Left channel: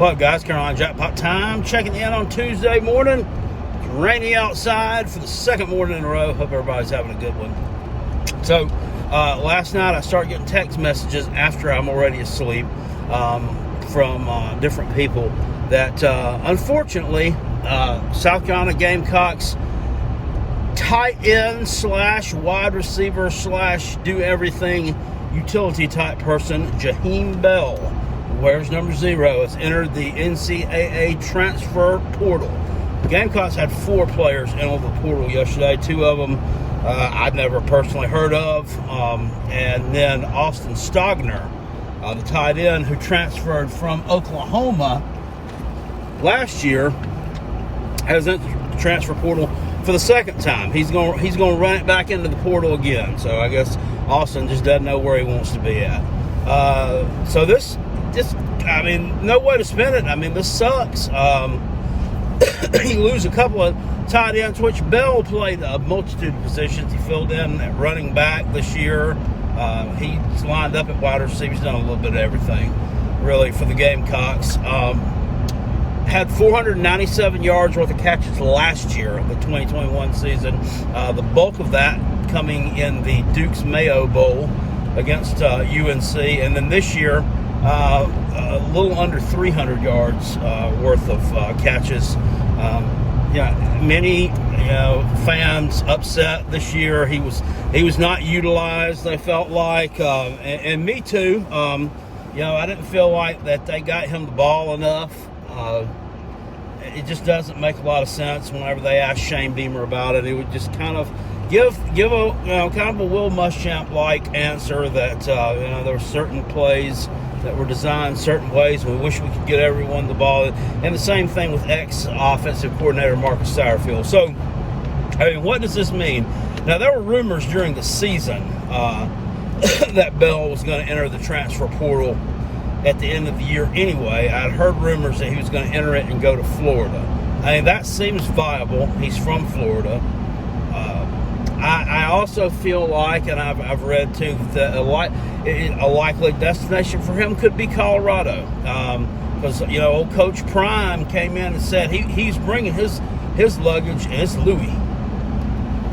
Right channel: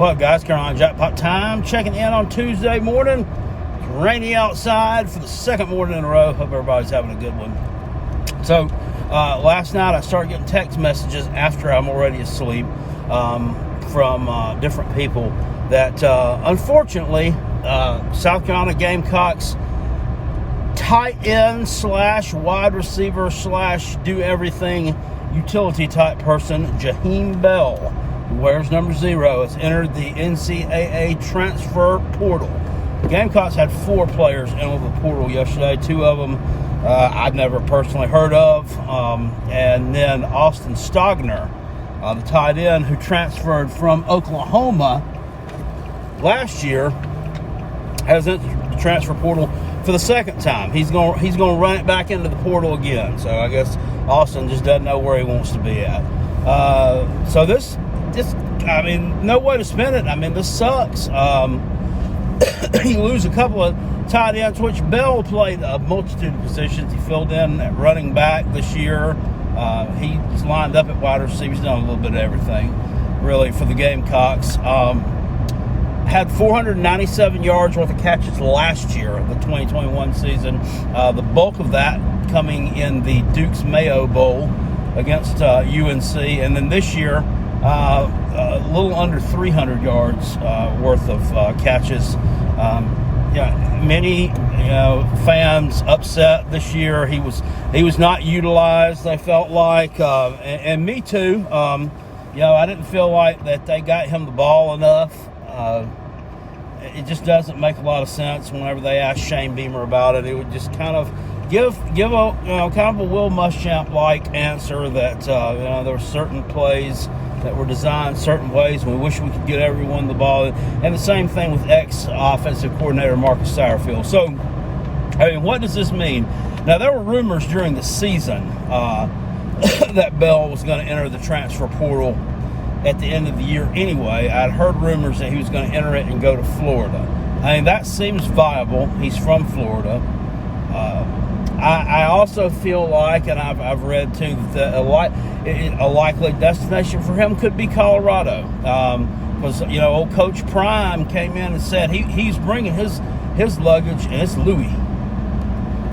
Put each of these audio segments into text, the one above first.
What up, guys? Carolina Jackpot time. Checking in on Tuesday morning. It's rainy outside for the second morning in a row. Hope everybody's having a good one. So, last night I started getting text messages after I'm already asleep from different people that, unfortunately, South Carolina Gamecocks tight end / wide receiver / do everything utility type person, Jaheim Bell, who wears number 0, has entered the NCAA transfer portal. The Gamecocks had 4 players enter the portal yesterday. 2 of them I'd never personally heard of. And then Austin Stogner, the tight end who transferred from Oklahoma last year, has entered the transfer portal for the second time. He's going to run it back into the portal again. So I guess Austin just doesn't know where he wants to be at. So this, I mean, no way to spin it. I mean, this sucks. You lose a couple of tight ends, which Bell played a multitude of positions. He filled in at running back this year. He's lined up at wide receiver. He's done a little bit of everything, really, for the Gamecocks. Had 497 yards worth of catches last year, the 2021 season. The bulk of that coming in the Duke's Mayo Bowl against UNC. And then this year, a little under 300 yards worth of catches. Many fans upset this year. He was not utilized, they felt like, and me too. I didn't feel like that they got him the ball enough. It just doesn't make a lot of sense. Whenever they asked Shane Beamer about it, it would just kind of give a kind of a Will Muschamp like answer that there were certain plays that were designed certain ways. We wish we could get everyone the ball, and the same thing with ex-offensive coordinator Marcus Satterfield. So, I mean, what does this mean? Now, there were rumors during the season that Bell was going to enter the transfer portal at the end of the year anyway. I'd heard rumors that he was going to enter it and go to Florida. I mean, that seems viable. He's from Florida. I also feel like, and I've read too, that a likely destination for him could be Colorado. Because, old Coach Prime came in and said he's bringing his luggage, and it's Louis.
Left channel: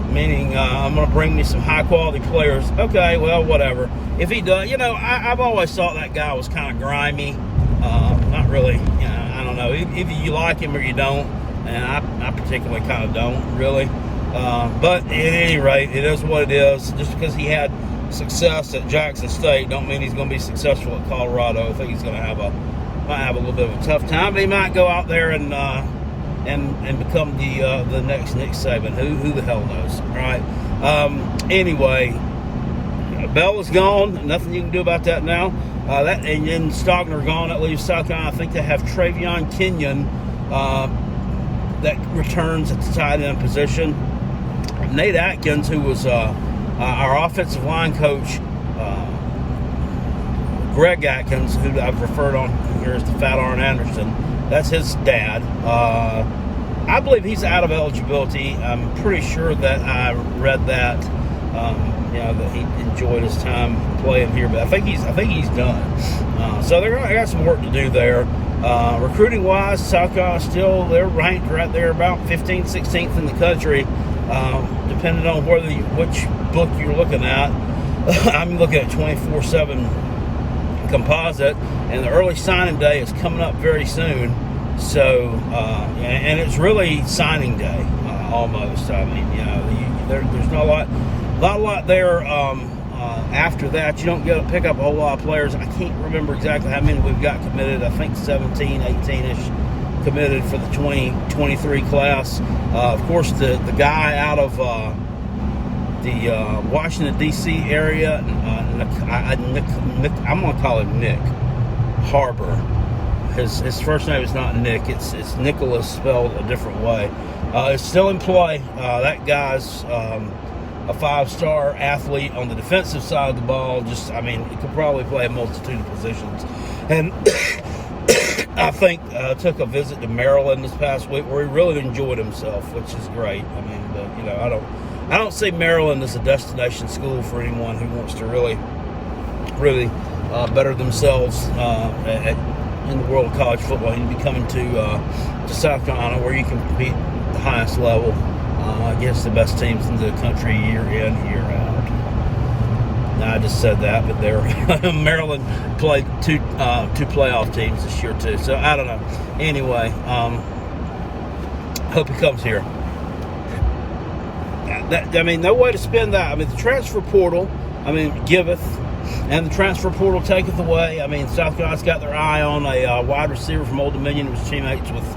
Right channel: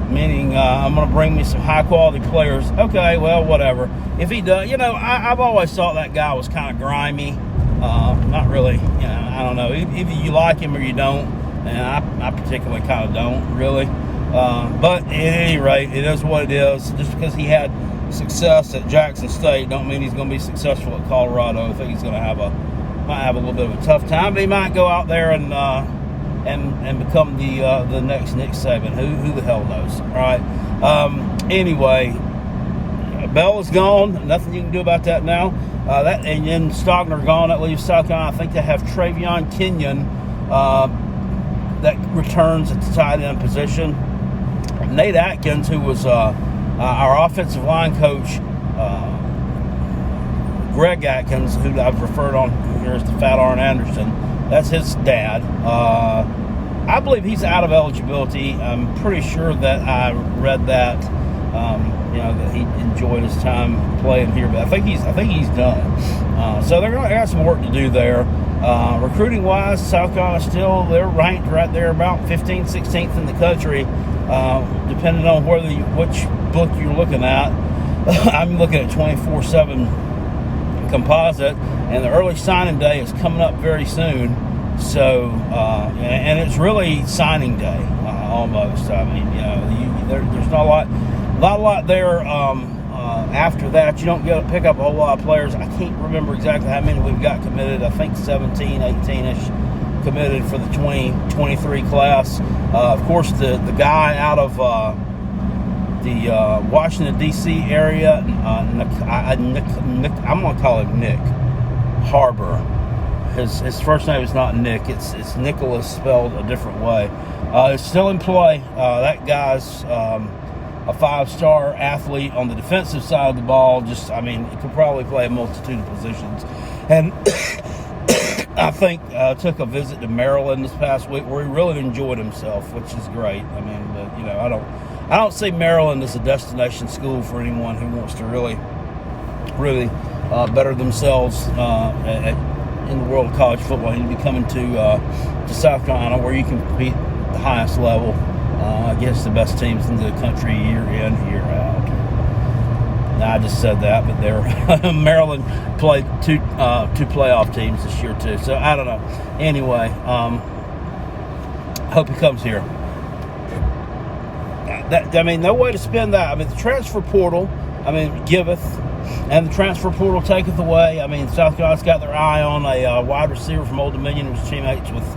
Meaning, I'm going to bring me some high-quality players. Okay, well, whatever. If he does, I've always thought that guy was kind of grimy. Not really, I don't know. Either you like him or you don't. And I particularly kind of don't, really. But at any rate, it is what it is. Just because he had success at Jackson State don't mean he's going to be successful at Colorado. I think he's going to might have a little bit of a tough time. But he might go out there and become the next Nick Saban. Who the hell knows, right? Anyway, Bell is gone. Nothing you can do about that now. And then Stogner gone. That leaves South Carolina. I think they have Travion Kenyon that returns at the tight end position. Nate Atkins, who was our offensive line coach, Greg Atkins, who I've referred on here as the Fat Arn Anderson. That's his dad. I believe he's out of eligibility. I'm pretty sure that I read that, that he enjoyed his time playing here, but I think he's done. So they're going to have some work to do there. Recruiting wise, South Carolina they're ranked right there about 15th, 16th in the country, depending on which book you're looking at. I'm looking at 24/7 composite, and the early signing day is coming up very soon. So, and it's really signing day almost. I mean, there's not a lot there. After that, you don't get to pick up a whole lot of players. I can't remember exactly how many we've got committed. I think 17, 18-ish committed for the 2023 class. Of course, the guy out of the Washington, D.C. area, I'm going to call him Nick Harbor. His first name is not Nick. It's Nicholas spelled a different way. It's still in play. That guy's a 5-star athlete on the defensive side of the ball. He could probably play a multitude of positions. And I think took a visit to Maryland this past week where he really enjoyed himself, which is great. I don't see Maryland as a destination school for anyone who wants to really better themselves in the world of college football. You can be coming to South Carolina, where you can compete at the highest level against the best teams in the country year in, year out. Now, I just said that, but Maryland played two playoff teams this year too. So I don't know. Anyway, hope he comes here. No way to spend that. I mean, the transfer portal, giveth, and the transfer portal taketh away. South Carolina's got their eye on a wide receiver from Old Dominion who's teammates with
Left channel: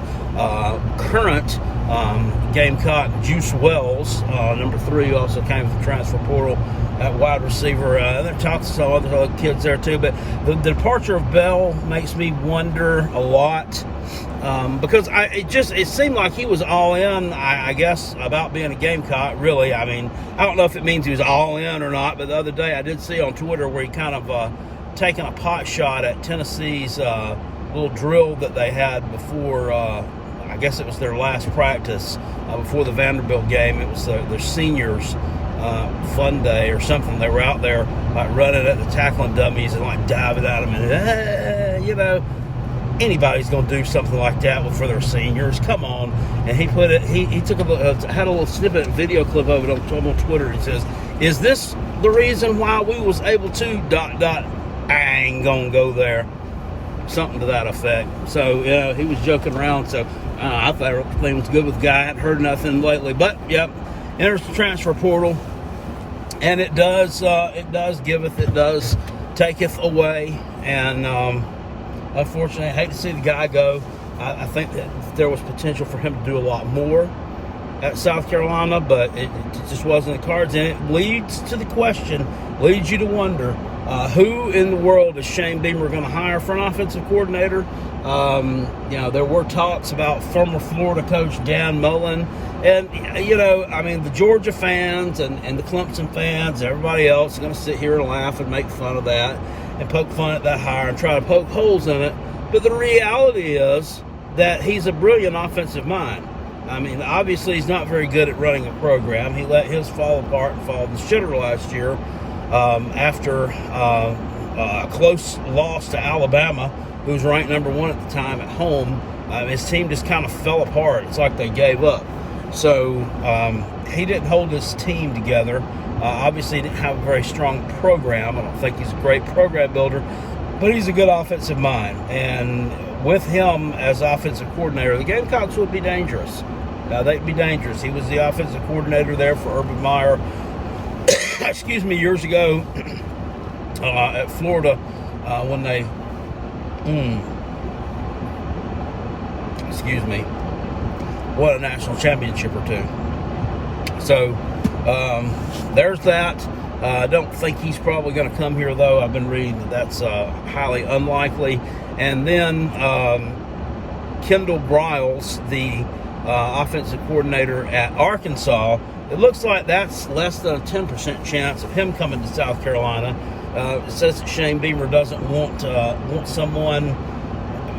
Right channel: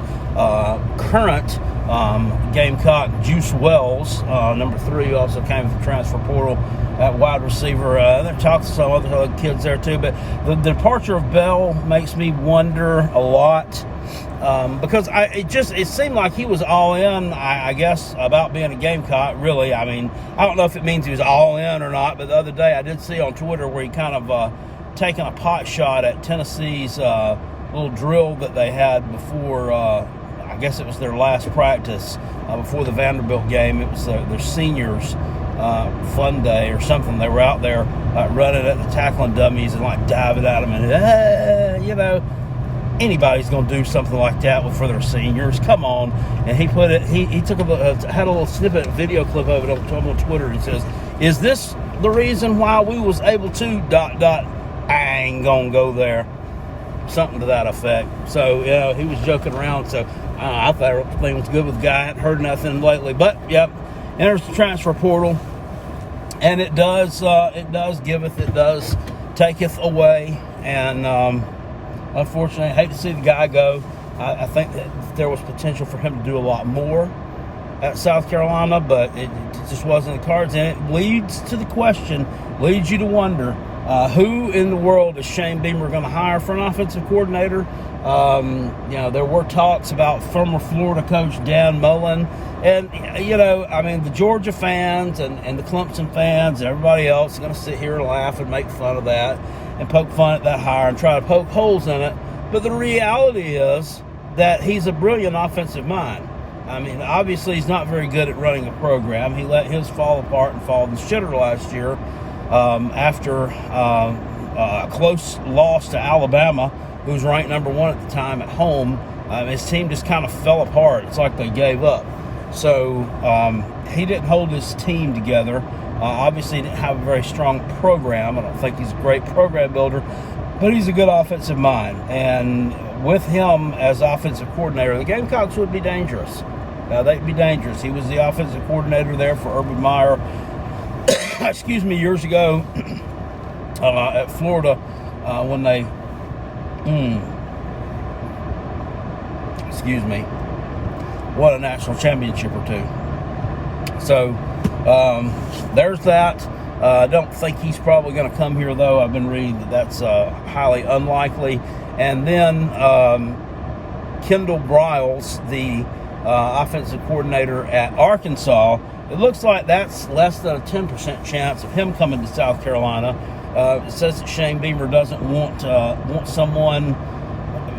current Gamecock Juice Wells, number 3, who also came with the transfer portal at wide receiver. They've talked to some other kids there too, but the departure of Bell makes me wonder a lot. Because it seemed like he was all in, I guess, about being a Gamecock, really. I don't know if it means he was all in or not, but the other day I did see on Twitter where he kind of taken a pot shot at Tennessee's little drill that they had before, I guess it was their last practice, before the Vanderbilt game. It was their seniors' fun day or something. They were out there running at the tackling dummies and diving at them and, anybody's going to do something like that for their seniors. Come on. And he put it, he took had a little snippet video clip of it on Twitter. He says, "Is this the reason why we was able to ... I ain't going to go there." Something to that effect. So, yeah, he was joking around. So, I thought everything was good with the guy. I hadn't heard nothing lately. But, yep, enters the transfer portal. And it does giveth, it does taketh away. And, unfortunately, I hate to see the guy go. I think that there was potential for him to do a lot more at South Carolina, but it just wasn't the cards. And it leads to the question, leads you to wonder, who in the world is Shane Beamer going to hire for an offensive coordinator? There were talks about former Florida coach Dan Mullen. And, the Georgia fans and the Clemson fans and everybody else are going to sit here and laugh and make fun of that and poke fun at that hire and try to poke holes in it. But the reality is that he's a brilliant offensive mind. Obviously he's not very good at running a program. He let his fall apart and fall to the shitter last year after a close loss to Alabama, who was ranked number 1 at the time at home. His team just kind of fell apart. It's like they gave up. So he didn't hold his team together. Obviously, he didn't have a very strong program. I don't think he's a great program builder, but he's a good offensive mind. And with him as offensive coordinator, the Gamecocks would be dangerous. They'd be dangerous. He was the offensive coordinator there for Urban Meyer, years ago at Florida when they, won a national championship or 2. So there's that. I don't think he's probably going to come here, though. I've been reading that's highly unlikely. And then Kendall Briles, the offensive coordinator at Arkansas, it looks like that's less than a 10% chance of him coming to South Carolina. It says that Shane Beamer doesn't want someone.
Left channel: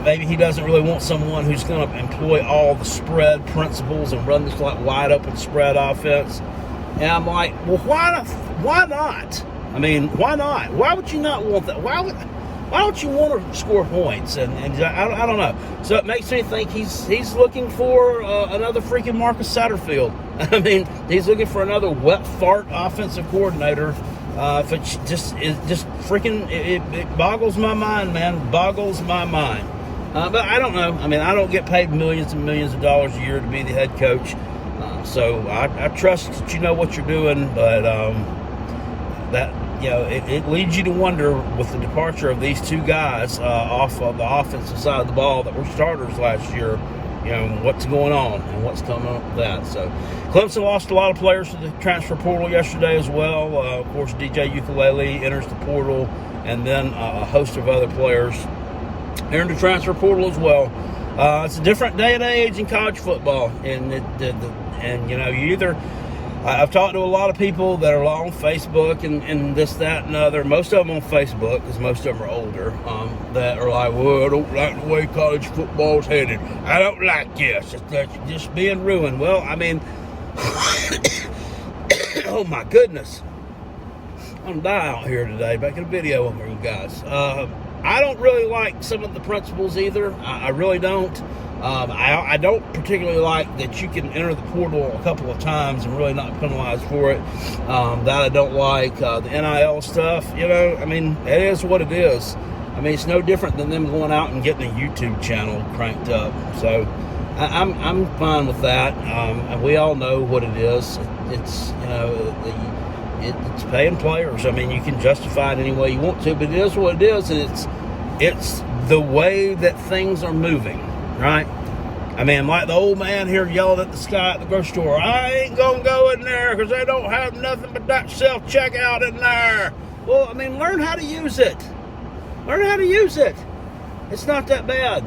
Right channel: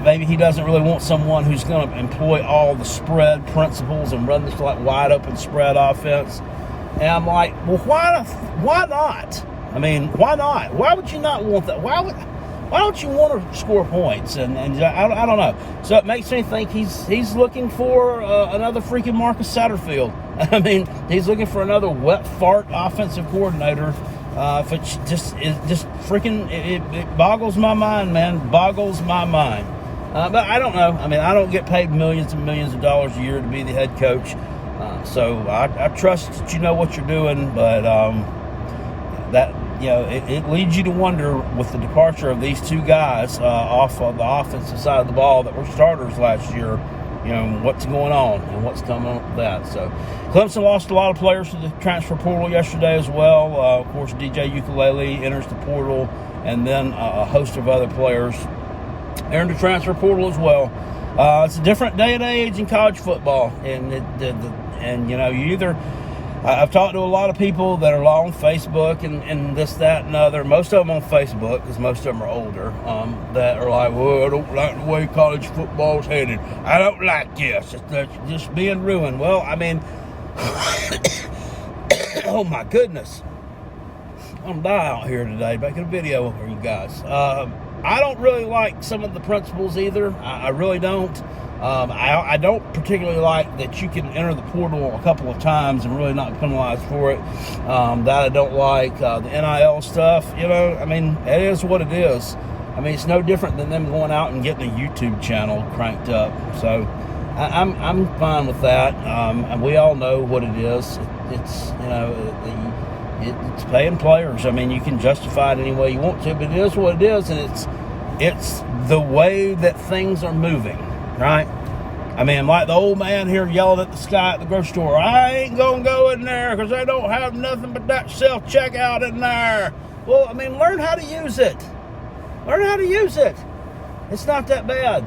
Maybe he doesn't really want someone who's going to employ all the spread principles and run this wide open spread offense. And I'm like, well, why not? Why not? Why would you not want that? Why don't you want to score points? And I don't know. So it makes me think he's looking for another freaking Marcus Satterfield. He's looking for another wet fart offensive coordinator. If it it boggles my mind, man. Boggles my mind. But I don't know. I don't get paid millions and millions of dollars a year to be the head coach. So I trust that you know what you're doing, but it leads you to wonder with the departure of these two guys off of the offensive side of the ball that were starters last year, what's going on and what's coming up with that. So Clemson lost a lot of players to the transfer portal yesterday as well. Of course, DJ Ukulele enters the portal, and then a host of other players enter the transfer portal as well. It's a different day and age in college football, and you either I've talked to a lot of people that are on Facebook and this, that, and other. Most of them on Facebook, because most of them are older, that are like, well, I don't like the way college football's headed. I don't like this. It's just being ruined. Well, oh my goodness. I'm dying out here today, making a video for you guys. I don't really like some of the principles either. I really don't. I don't particularly like that you can enter the portal a couple of times and really not penalized for it. That I don't like. The NIL stuff, you know, I mean, it is what it is. I mean, it's no different than them going out and getting a YouTube channel cranked up. So I'm fine with that. And we all know what it is. It's, you know, it's paying players. I mean, you can justify it any way you want to, but it is what it is, and it's the way that things are moving, right? I mean, like the old man here yelling at the sky at the grocery store, I ain't gonna go in there because they don't have nothing but that self-checkout in there. Well, I mean, learn how to use it. Learn how to use it. It's not that bad.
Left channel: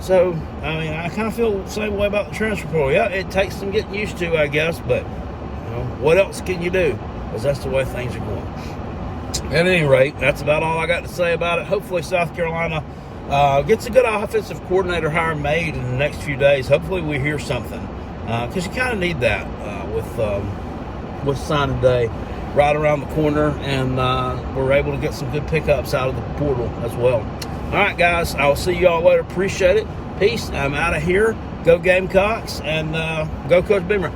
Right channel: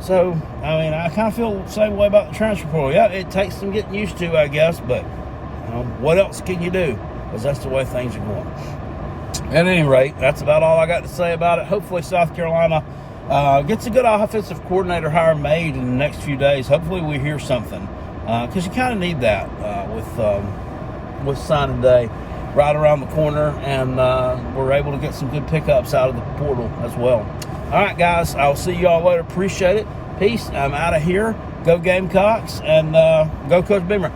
So, I mean, I kind of feel the same way about the transfer portal. Yeah, it takes some getting used to, I guess, but you know, what else can you do? Because that's the way things are going. At any rate, that's about all I got to say about it. Hopefully South Carolina gets a good offensive coordinator hire made in the next few days. Hopefully we hear something, because you kind of need that with signing day right around the corner, and we're able to get some good pickups out of the portal as well. All right, guys, I'll see you all later. Appreciate it. Peace. I'm out of here. Go Gamecocks, and go Coach Beamer.